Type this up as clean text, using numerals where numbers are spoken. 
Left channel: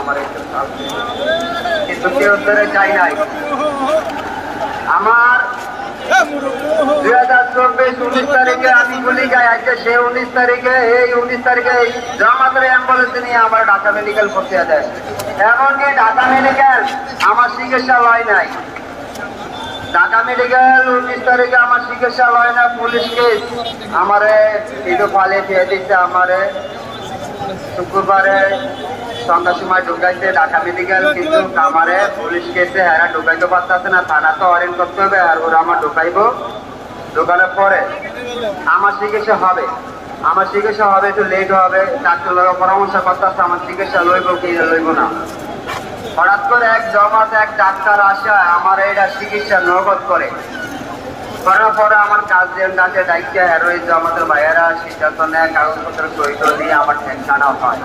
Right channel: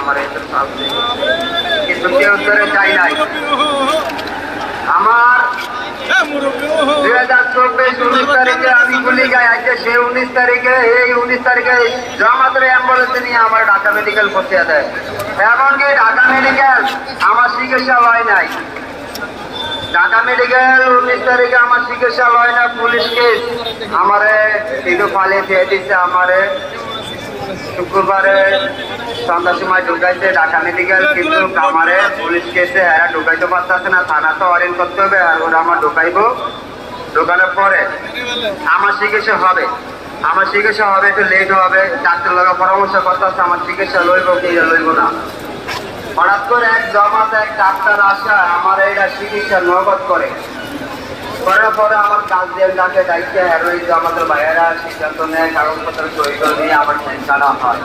আমার কিন্তু কেউ ধরে চাই নাই। আমার 2024 তারিখে আমি গুলি গাই আজকে সে 19 তারিখে এই 19 তারিখে জামাতের অ্যাম্বুলেন্সে নিয়ে আমার ঢাকা মেডিকেল পৌঁছে দেয়। এমনকি ঢাকা মেডিকেল আমার চিকিৎসা হয় নাই। ঢাকা মেডিকেল 19 তারিখে আমার চিকিৎসা হয় না। পুলিশ কেস আমারে কিন্তু পালিয়ে দিয়ে দিচ্ছে। আমারে শুক্রবারে সন্ধ্যার সময় ঢুকাইছে ঢাকা মেডিকেল, কিন্তু আমারে পুলিশ কেসে এরা ঢুকাইতে পারতেছে না। থানা তো অরেঞ্জ করতে হবে, আর ওরা আমার ঢুকাইবো। ঢুকানোর পরে আমার চিকিৎসা হবে। আমার চিকিৎসা হবে, একটু লেট হবে। ডাক্তার লোক পরামর্শ করতেছে আমার চিকিৎসা লইব কি লইব না। হঠাৎ করে এক জমাত এক ডাক্তার আসে আমার এটা চিকিৎসা নগদ করে। করার পরে আমার কাজ দিয়ে ডাকে দায়িত্বে হেরোইন আমাদের ভাইয়েরা সিদ্ধান্ত নেয়, কাগজপত্র সই করে দিয়ে আমার টেনশন হয়।